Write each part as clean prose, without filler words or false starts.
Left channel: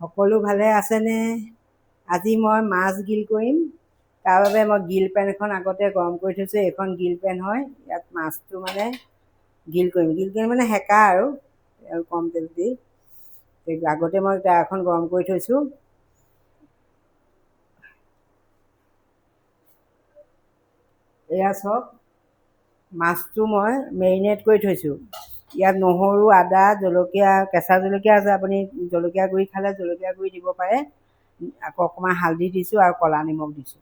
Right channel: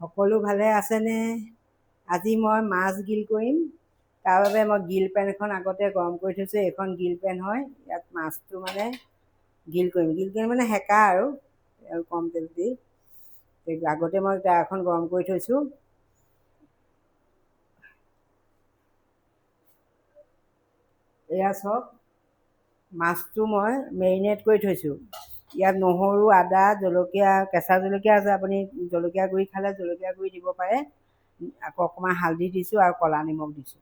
সকলো ভালে আছেনে? আজি মই মাছ গ্ৰিল কৰিম। তাৰ বাবে মই গ্ৰিল পেন এখন আগতে গৰম কৰি থৈছোঁ। এইখন গ্ৰিল পেন হয়। ইয়াত মাছটো মানে গ্ৰিল কৰিম। গ্ৰিল কৰি মানে সেকা আৰু কম তেল দি। আগতে মই এখন গৰম কৰি থৈছোঁ। এয়া চাওক, মাছটো মই মেৰিনেট কৰি থৈছোঁ। ইয়াত নহৰু, আদা, জলকীয়া, কেঁচা জলকীয়া আছে। আপুনি জলকীয়া গুড়ি খালে জলকীয়া গুড়ি দিব পাৰে। আকৌ অকণমান হালধি দিছোঁ আৰু ক'লা নিমখ দিছোঁ।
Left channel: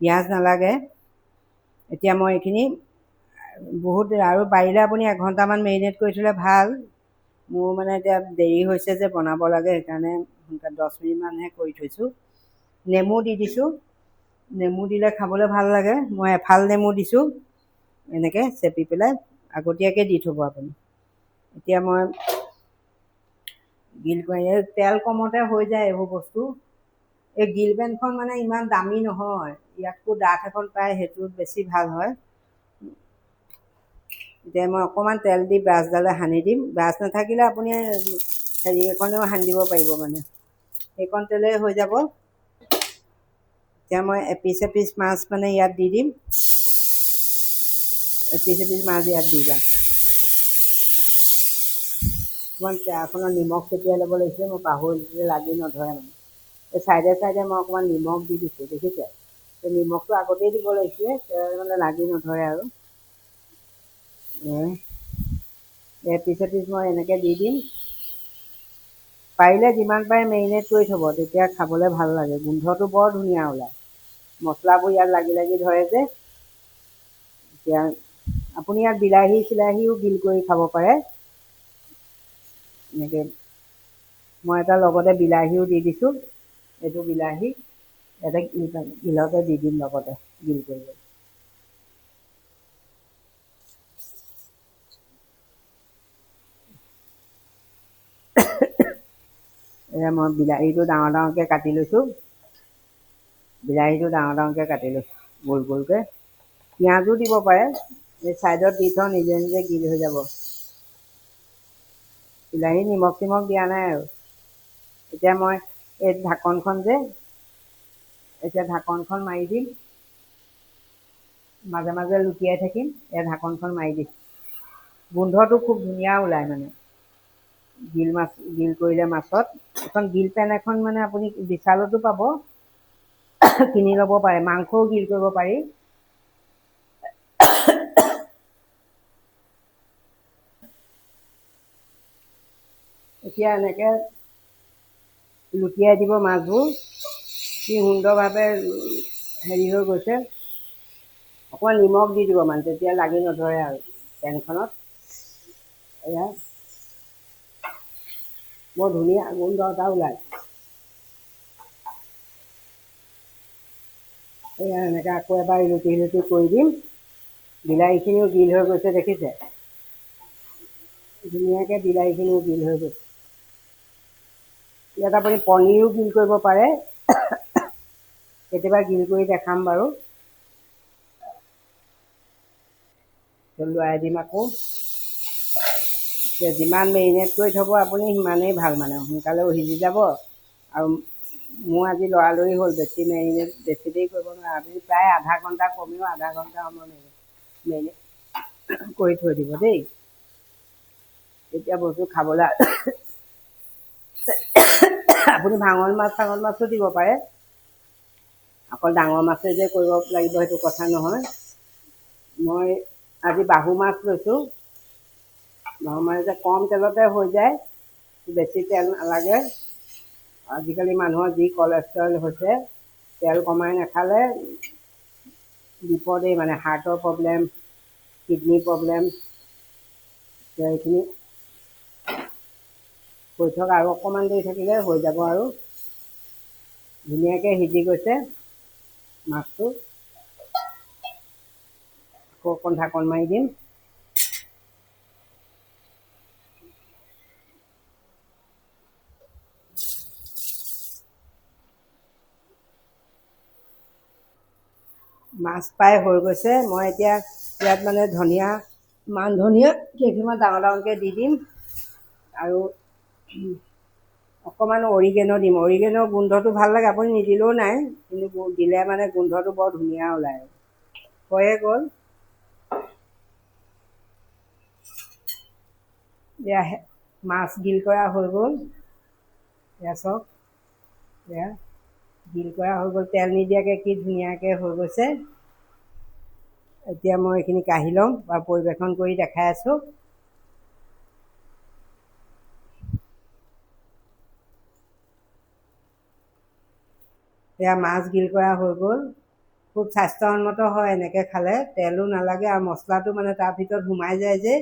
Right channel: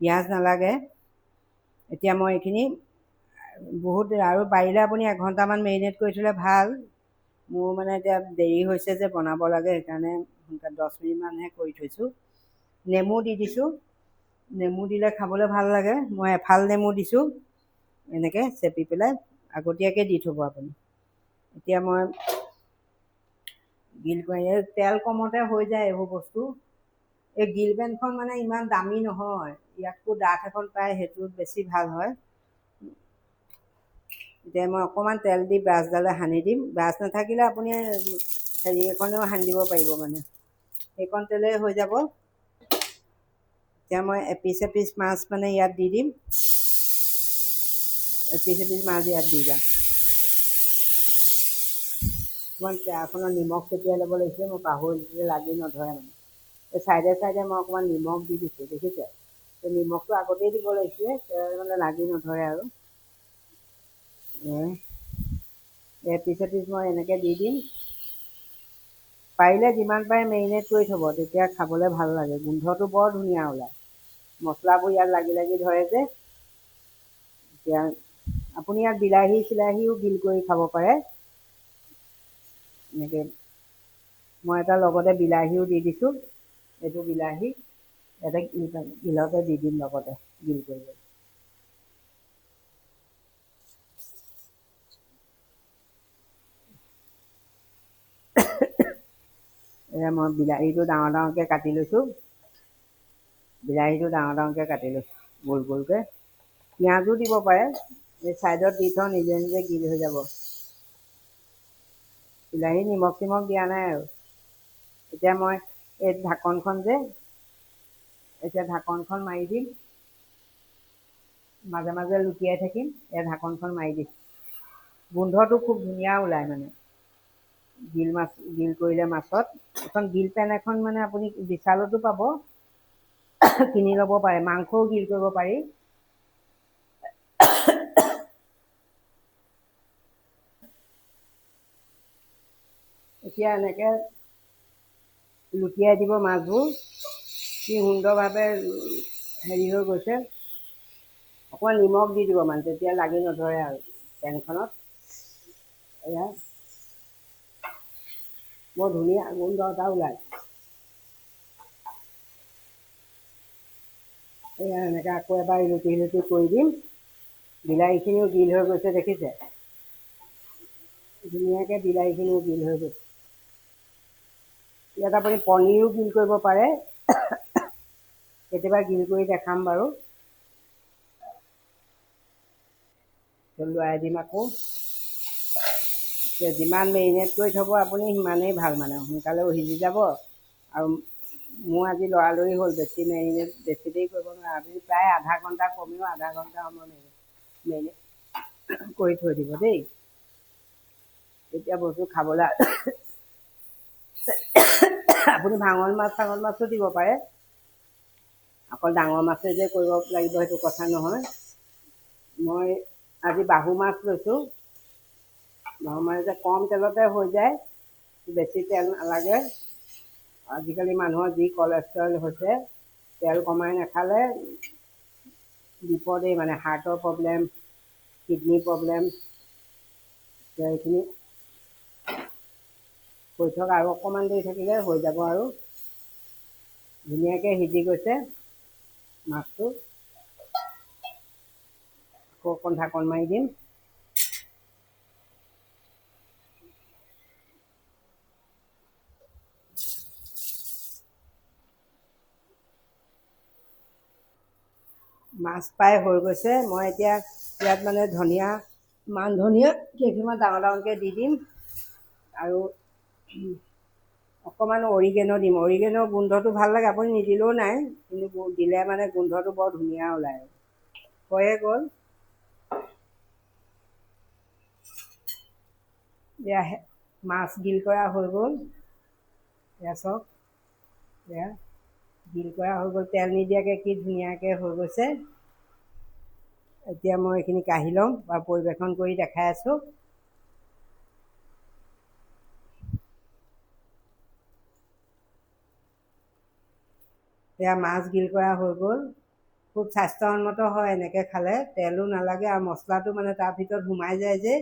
পিঁয়াজ নালাগে। এতিয়া মই এইখিনি বহুত আৰু পাৰিলে আপুনি এঘণ্টামান মেৰিনেট কৰি থ'লে ভাল। মোৰ মানে এতিয়া দেৰি হৈছে যে বনাব লাগে, সেইকাৰণে 10 মিনিটমানহে কৰি থৈছোঁ। নেমু দি দিছোঁ। নেমু দিলে খাবলৈ ভাল লাগে। মই এফাল নেমু দিছোঁ, এনেকৈ চেপি পেলাই আগতীয়াকৈ দি থ'ব আপুনি। এতিয়া মই গ্ৰিল কৰি তেল কমতে হৈ যায় এইবোৰ বস্তু। এই গ্ৰিল পেনখন মানে ইমান দামী নহয়। ইয়াতকৈ ডাঠ এখন পায়, সেইটোত বেছি ভাল হয়। এতিয়া মই অকণমান তেল দি ব্ৰাছডালে সানি দিম। ব্ৰাছ নাথাকিলে আপুনি হেৰি এখনেও সানি দিব পাৰিব, মানে সেইকণ তেলেই হৈ যাব। এতিয়া মই এপিচ এপিচ মাছ মানে ইয়াত দি দিম। এপিচ এপিচ মাছ ইয়াত দি যাম। অকণমান তেলখনত নিমখ ছটিয়াই ল'ব লাগিছিলে, মই পাহৰিছোঁ, লাগি নধৰে মানে। এই চাইডে চাইডে মই অকণমান নিমখ দি দিছোঁ, দেখিছে? নিমখটো আগতেই দিব লাগিছিলে, মানে লাগি নধৰে আৰু। এপিচ এপিচ মই এনেকৈ দি দিম। পাৰিলে যিমান পাৰে মেৰিনেট কৰি থ'ব, তেতিয়া খাবলৈ ভাল লাগে। গোন্ধটো বৰ ধুনীয়া ওলায়। মছলাবোৰ ইয়াত লাগি লাগি ধৰে যে। এতিয়া আপুনি ইয়াত বিলাহী চিলাহীও গ্ৰিল কৰি খাব পাৰে। এনেকৈ মই এটা লগতে বিলাহীও দি দিছোঁ। এইটো বিলাহী ইয়াতে গ্ৰিলতে দি দিম লগতে গ্ৰিল কৰি। এয়া মই বিলাহীটো ডাঙৰ ডাঙৰকৈ কাটি লৈছোঁ। বিলাহীটো ডাঙৰ ডাঙৰকৈ কাটি লৈছোঁ, গোল গোলকৈ। পিঁয়াজো দিব পাৰে। এই ছাইডত দি থওঁ, নিজে নিজে গ্ৰিল হৈ যাব। বিলাহী নিমখ চিমখ দিয়া নাই আৰু। এতিয়া মই এই ঢাকনখন যে, এতিয়া ঢাকনখন মাৰি দিম। মাজে মাজে লুটিয়াই থাকিম। এই ঢাকনখন মাৰি দিম। গোন্ধটো খুব ধুনীয়া ওলায় মানে গ্ৰিল কৰিলে মাছত। এখন গ্ৰিল পেন এখন মানে আপুনি বিশালতো পাব, কিনি ল'ব পাৰে। মাংসও গ্ৰিল কৰিব পাৰি। এতিয়া এনেকৈ লুটিয়াই দিব মাছবোৰ। কি সুন্দৰভাৱে হেৰি হৈ গৈছে। অকণমান নিমখ দি দিব মানে, তেতিয়া লাগি নধৰে আৰু পেনখনত। এয়া বৰ ধুনীয়া গোন্ধ এটা ওলায়। এয়া এনেকৈ আকৌ এবাৰ ইলুটি সিলুটি কৰি দিম। বিলাহীখিনিও গ্ৰিল হৈ গৈছে, দেখিছে? ধুনীয়াকৈ বিলাহীখিনিও গ্ৰিল হৈ গৈছে। ইয়াত আপুনি পনীৰো গ্ৰিল কৰিব পাৰে। কেতিয়াবা গ্ৰিল কৰি দেখাম বাৰু। লৰাই দিম আকৌ। যিমান মেৰিনেট কৰি থ'ব আপুনি, সিমানেই ভাল, মানে সোনকালেও সিজি যাব। আৰু মোৰ আজি লৰালৰি হ'ল, বেছি দেৰি কৰিব নোৱাৰে। আপুনি প্ৰায় আধা ঘণ্টা, কমেও আধা ঘণ্টা সময় মেৰিনেট কৰি থৈ দিব দেই। তেতিয়া বস্তু খাবলৈ আপুনি ভাঙন মাছো দিব পাৰে। অকল ডাঙৰ মাছে যে কৰিব লাগিব সেইটো কথা নহয়। মই আজি বাহু মাছ লৈছোঁ। বাহু মাছ যে কম তেলতে হৈ যায়, বেছি তেল নালাগে। আজিকালি মানুহৰ যি কলেষ্ট্ৰল হৈছে, তেল কমাই নাখালে বিপদেই, মানে হাৰ্টৰ প্ৰব্লেম, কিডনী প্ৰব্লেম। এইখিনি হৈ থওক, আৰু অকণমান দেৰি থাকিলে হৈ যাব। আৰু ধুনীয়াকৈ সিজি গৈছে মাছটো। আকৌ অকণ ঢাকন মাৰি দিম। মাছ প্ৰায় হৈ গৈছে। মই এতিয়া ইয়াত মানে ধনিয়া, মান ধনিয়া কেইখিনিমান ডাঙৰ ডাঙৰকৈ দি দিম। আৰু অকণমান অৰিগেনো দিম। অৰিগেনৰ গোন্ধটো ভাল লাগে, আপুনি নিদিলেও নাই, কিন্তু দিলে মানে গোন্ধটো বৰ ধুনীয়া ওলায়। হৈয়ে গ'ল। এয়া মাছ গিল কৰা হৈ গ'ল। এয়া চাওক, এয়া গিল কৰা হৈ গ'ল, তেল নিদিয়াকৈ কি ধুনীয়াকৈ হৈ গৈছে। এতিয়া মই এইখিনি কাঢ়ি ল'ম বা পৰিৱেশন কৰি দেখাই আছোঁ। এয়া মাছ গিল কৰা হৈ গ'ল। খুব স্বাস্থ্যসন্মত হয় এনেকৈ খালে, তেলো নালাগে আৰু মছলাটো মানে তাৰ ভিতৰত সোমাই যায় যে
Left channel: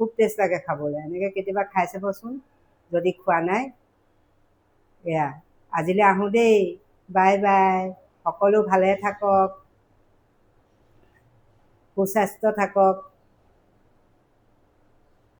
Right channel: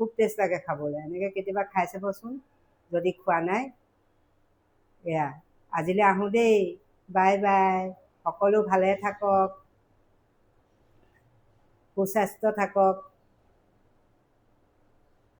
খুব টেষ্ট লাগে খাবলৈ। এনেকৈ কেতিয়াবা খাই চাবচোন যদি খোৱা নাই। এয়া আজিলৈ আহোঁ দেই, বাই বাই। সকলো ভালে থাকক, সুস্বাস্থ্য থাকক।